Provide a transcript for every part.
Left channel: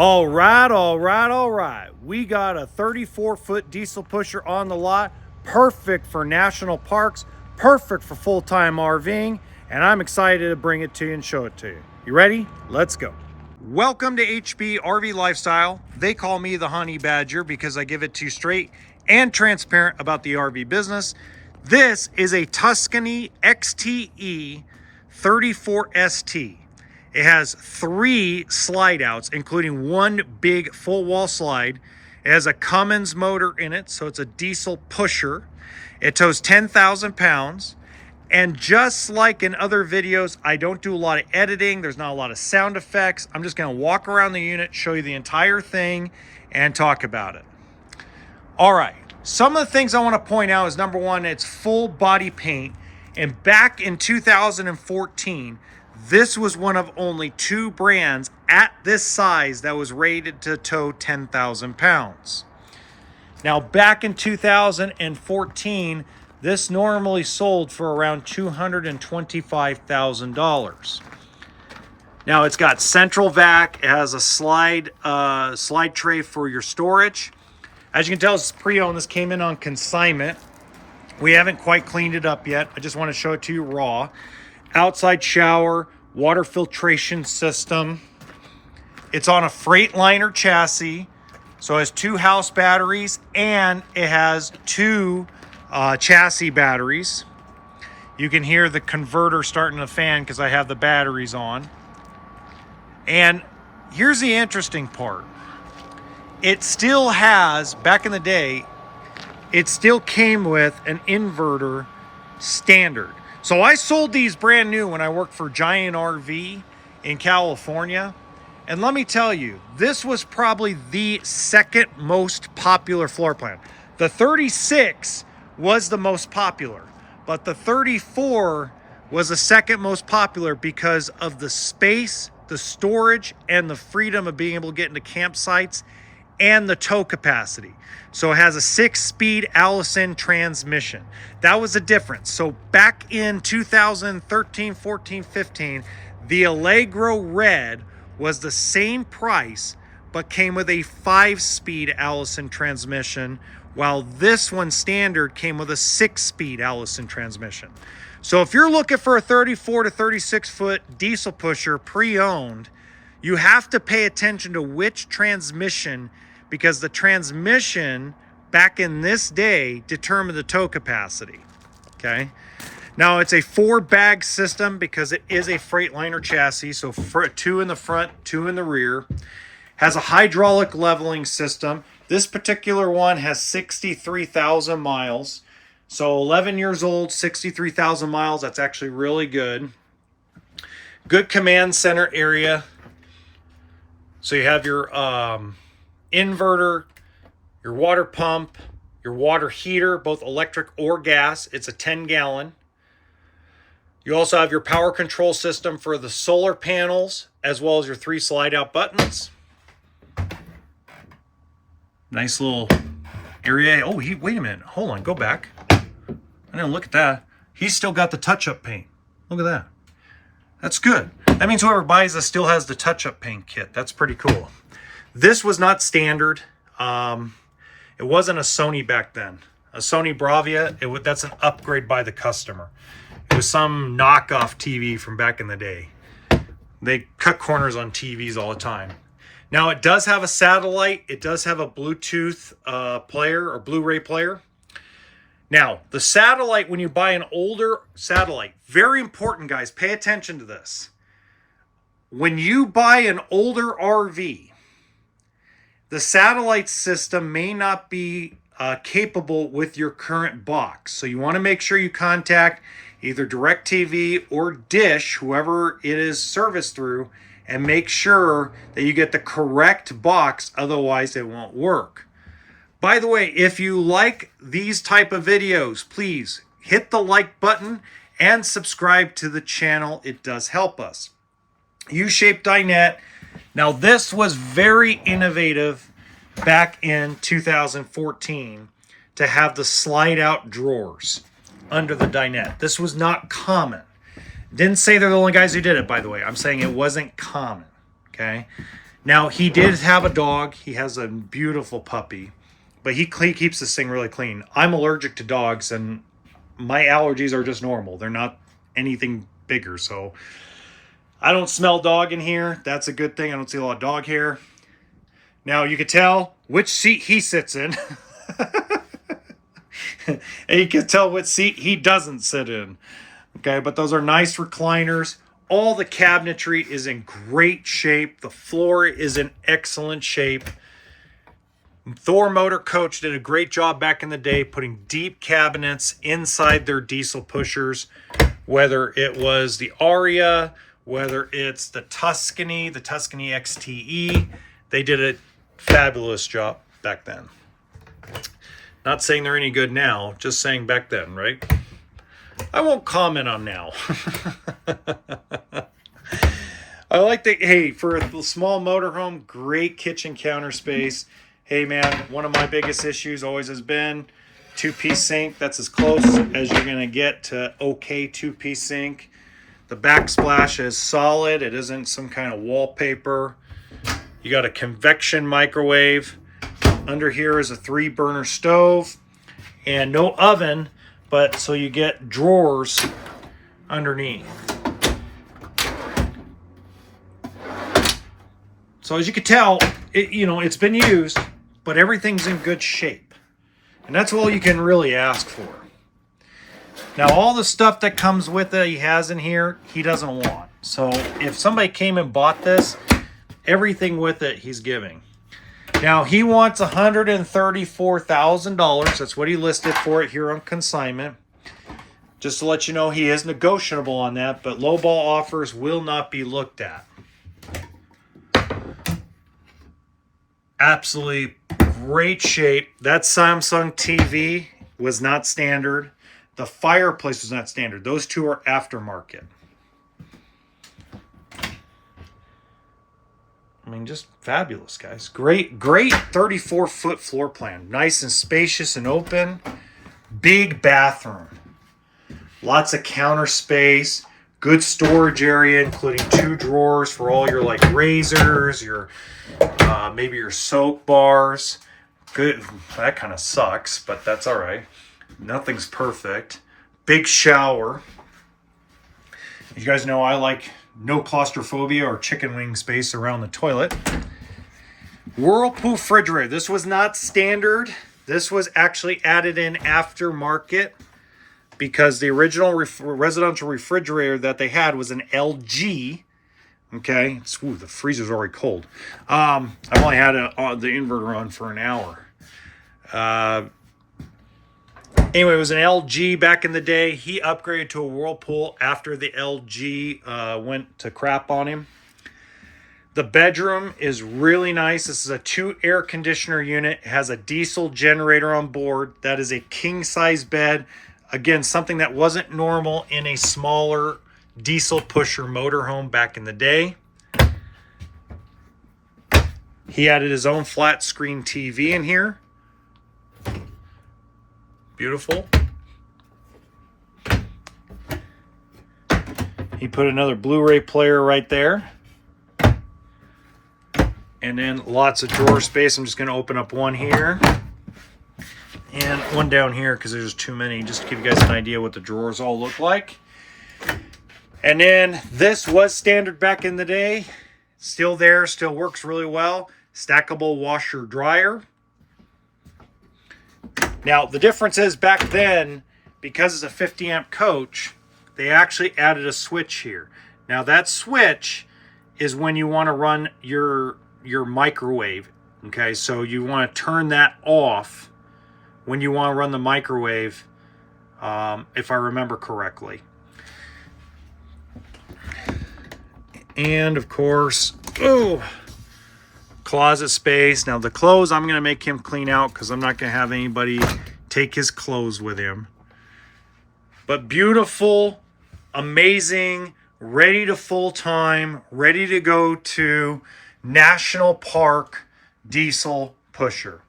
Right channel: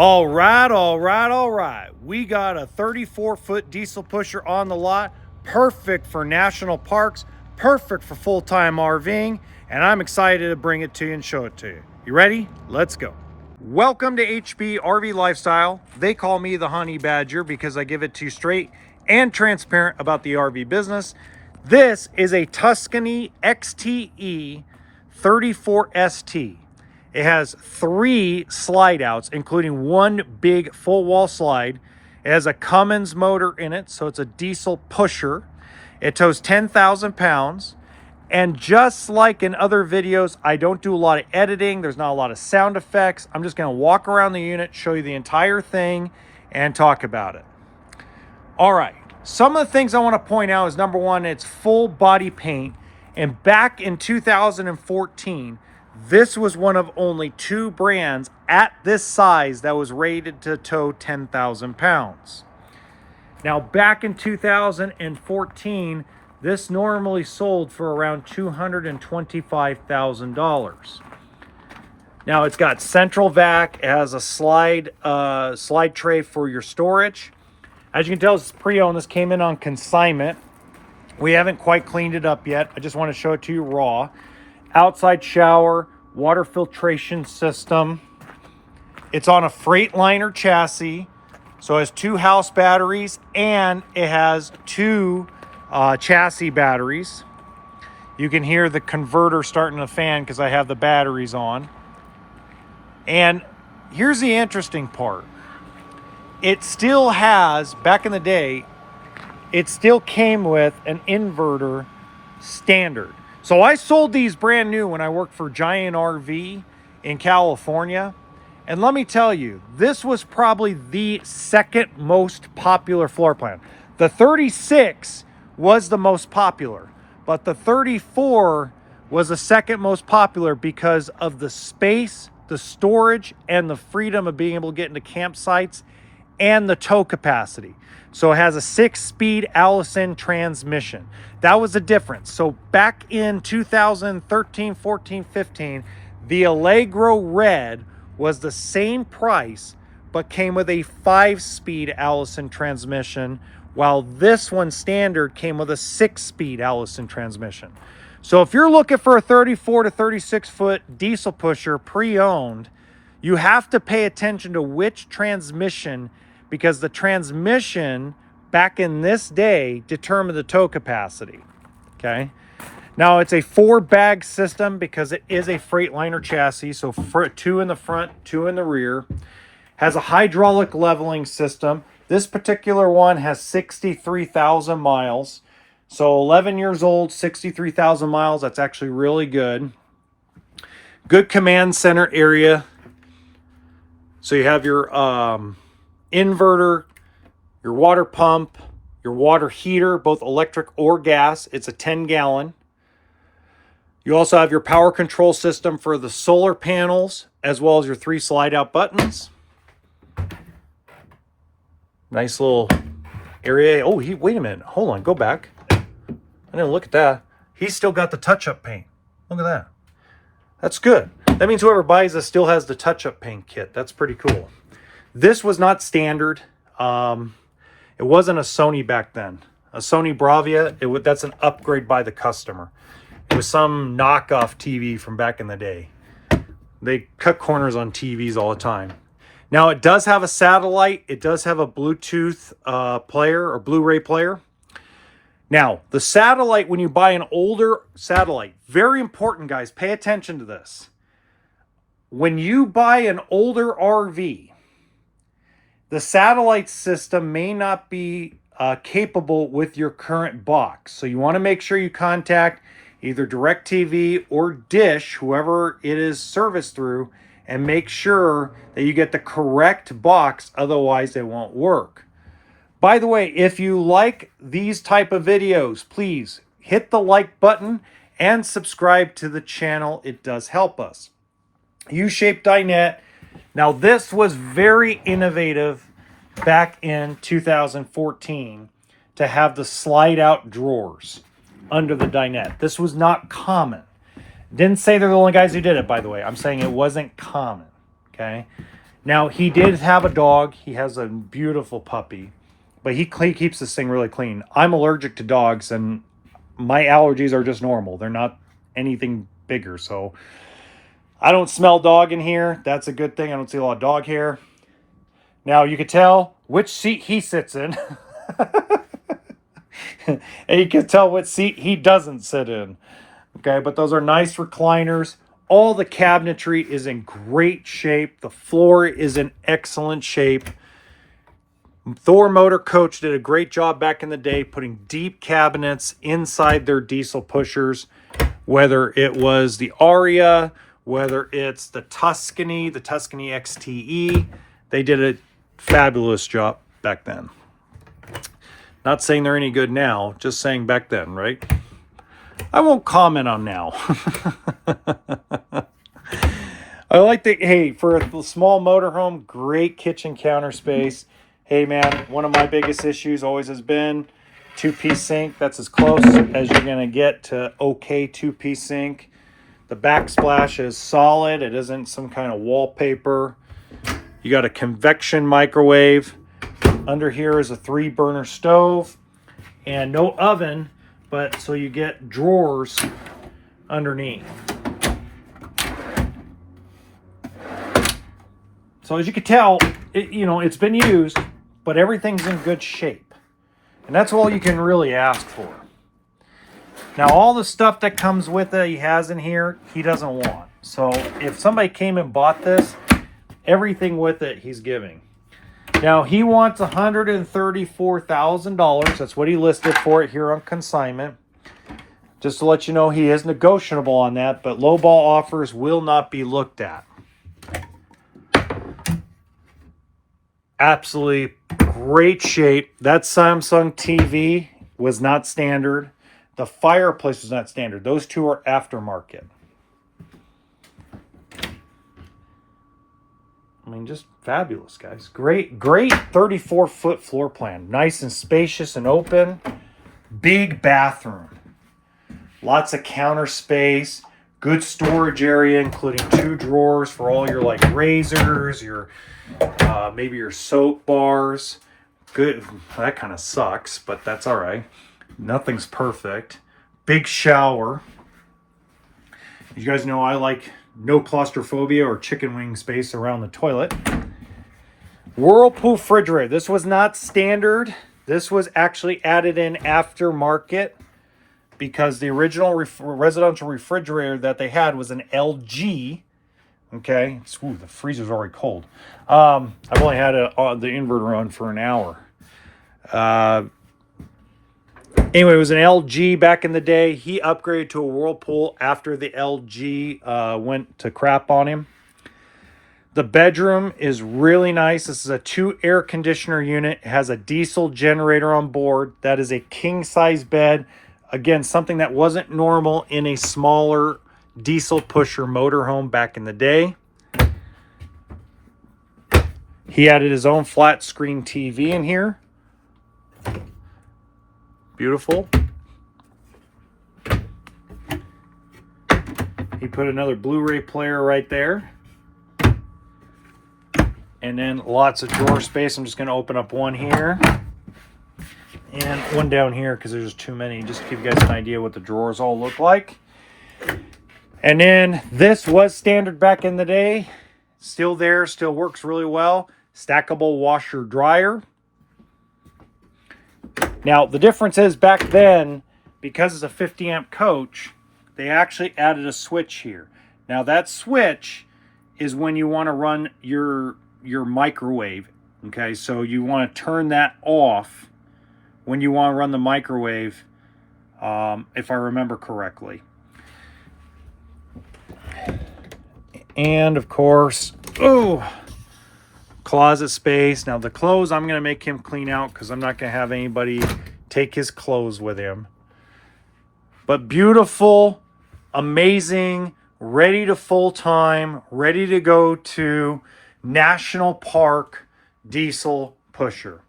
All right. We got a 34-foot diesel pusher on the lot, perfect for national parks, perfect for full-time RVing, and I'm excited to bring it to you and show it to you. You ready? Let's go. Welcome to HBRV Lifestyle. They call me the Honey Badger because I give it to you straight and transparent about the RV business. This is a Tuscany XTE 34ST. It has 3 slide outs, including 1 big full wall slide. It has a Cummins motor in it, so it's a diesel pusher. It tows 10,000 pounds. And just like in other videos, I don't do a lot of editing. There's not a lot of sound effects. I'm just gonna walk around the unit, show you the entire thing, and talk about it. All right, some of the things I wanna point out is number one, it's full body paint. And back in 2014, this was one of only 2 brands at this size that was rated to tow 10,000 pounds. Now, back in 2014, this normally sold for around $225,000. Now, it's got central vac. It has a slide tray for your storage. As you can tell, it's pre-owned. This came in on consignment. We haven't quite cleaned it up yet. I just want to show it to you raw. Outside shower, water filtration system. It's on a Freightliner chassis, so it has 2 house batteries and it has 2 chassis batteries. You can hear the converter starting to fan because I have the batteries on. And here's the interesting part. It still has, back in the day, it still came with an inverter standard. So I sold these brand new when I worked for Giant RV in California. And let me tell you, this was probably the second most popular floor plan. The 36 was the most popular, but the 34 was the second most popular because of the space, the storage, and the freedom of being able to get into campsites and the tow capacity. So it has a 6-speed Allison transmission. That was the difference. So back in 2013, 14, 15, the Allegro Red was the same price, but came with a 5-speed Allison transmission, while this one standard came with a 6-speed Allison transmission. So if you're looking for a 34 to 36 foot diesel pusher pre-owned, you have to pay attention to which transmission, because the transmission back in this day determined the tow capacity, okay? Now it's a 4-bag system because it is a Freightliner chassis, so 2 in the front, 2 in the rear. Has a hydraulic leveling system. This particular one has 63,000 miles. So 11 years old, 63,000 miles, that's actually really good. Good command center area. So you have your inverter, your water pump, your water heater, both electric or gas. It's a 10-gallon. You also have your power control system for the solar panels, as well as your 3 slide-out buttons. Nice little area. Oh, wait a minute. Hold on, go back. I didn't look at that. He's still got the touch-up paint. Look at that. That's good. That means whoever buys this still has the touch-up paint kit. That's pretty cool. This was not standard. It wasn't a Sony back then. A Sony Bravia, that's an upgrade by the customer. It was some knockoff TV from back in the day. They cut corners on TVs all the time. Now it does have a satellite. It does have a Bluetooth player or Blu-ray player. Now the satellite, when you buy an older satellite, very important guys, pay attention to this. When you buy an older RV, the satellite system may not be capable with your current box. So you want to make sure you contact either DirecTV or Dish, whoever it is serviced through, and make sure that you get the correct box, otherwise it won't work. By the way, if you like these type of videos, please hit the like button and subscribe to the channel. It does help us. U-shaped dinette. Now this was very innovative back in 2014 to have the slide out drawers under the dinette. This was not common. Didn't say they're the only guys who did it, by the way. I'm saying it wasn't common, okay? Now, he did have a dog. He has a beautiful puppy, but he keeps this thing really clean. I'm allergic to dogs, and my allergies are just normal. They're not anything bigger, so I don't smell dog in here. That's a good thing. I don't see a lot of dog hair. Now, you could tell which seat he sits in. And you can tell what seat he doesn't sit in. Okay, but those are nice recliners. All the cabinetry is in great shape. The floor is in excellent shape. Thor Motor Coach did a great job back in the day putting deep cabinets inside their diesel pushers, whether it was the Aria, whether it's the Tuscany XTE. They did a fabulous job back then. Not saying they're any good now, just saying back then, right? I won't comment on now. I like the, hey, for a small motorhome, great kitchen counter space. Hey man, one of my biggest issues always has been two-piece sink. That's as close as you're gonna get to okay two-piece sink. The backsplash is solid. It isn't some kind of wallpaper. You got a convection microwave. Under here is a 3-burner stove and no oven, but so you get drawers underneath. So as you can tell, it's been used, but everything's in good shape. And that's all you can really ask for. Now, all the stuff that comes with it, he has in here, he doesn't want. So if somebody came and bought this, everything with it, he's giving. Now, he wants $134,000. That's what he listed for it here on consignment. Just to let you know, he is negotiable on that, but lowball offers will not be looked at. Absolutely great shape. That Samsung TV was not standard. The fireplace was not standard. Those two are aftermarket. I mean, just fabulous, guys. Great 34-foot floor plan. Nice and spacious and open. Big bathroom. Lots of counter space. Good storage area, including 2 drawers for all your like razors, your maybe your soap bars. Good. That kind of sucks, but that's all right. Nothing's perfect. Big shower. You guys know I like no claustrophobia or chicken wing space around the toilet. Whirlpool refrigerator. This was not standard. This was actually added in aftermarket because the original residential refrigerator that they had was an LG. Okay. Ooh, the freezer's already cold. I've only had the inverter on for an hour. Anyway, it was an LG back in the day. He upgraded to a Whirlpool after the LG went to crap on him. The bedroom is really nice. This is a 2 air conditioner unit. It has a diesel generator on board. That is a king size bed. Again, something that wasn't normal in a smaller diesel pusher motorhome back in the day. He added his own flat screen TV in here. Beautiful. He put another Blu-ray player right there. And then lots of drawer space. I'm just going to open up one here. And one down here because there's too many. Just to give you guys an idea what the drawers all look like. And then this was standard back in the day. Still there. Still works really well. Stackable washer dryer. Now, the difference is back then, because it's a 50 amp coach, they actually added a switch here. Now, that switch is when you want to run your microwave. Okay, so you want to turn that off when you want to run the microwave, if I remember correctly. And, of course, closet space. Now the clothes I'm going to make him clean out because I'm not going to have anybody take his clothes with him. But beautiful, amazing, ready to full time, ready to go to National Park diesel pusher.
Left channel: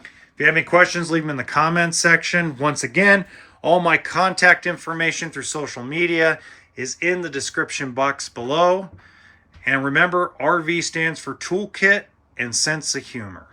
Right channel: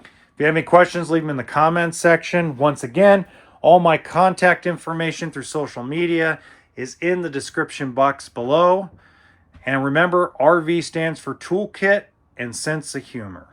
If you have any questions, leave them in the comments section. Once again, all my contact information through social media is in the description box below. And remember, RV stands for toolkit and sense of humor.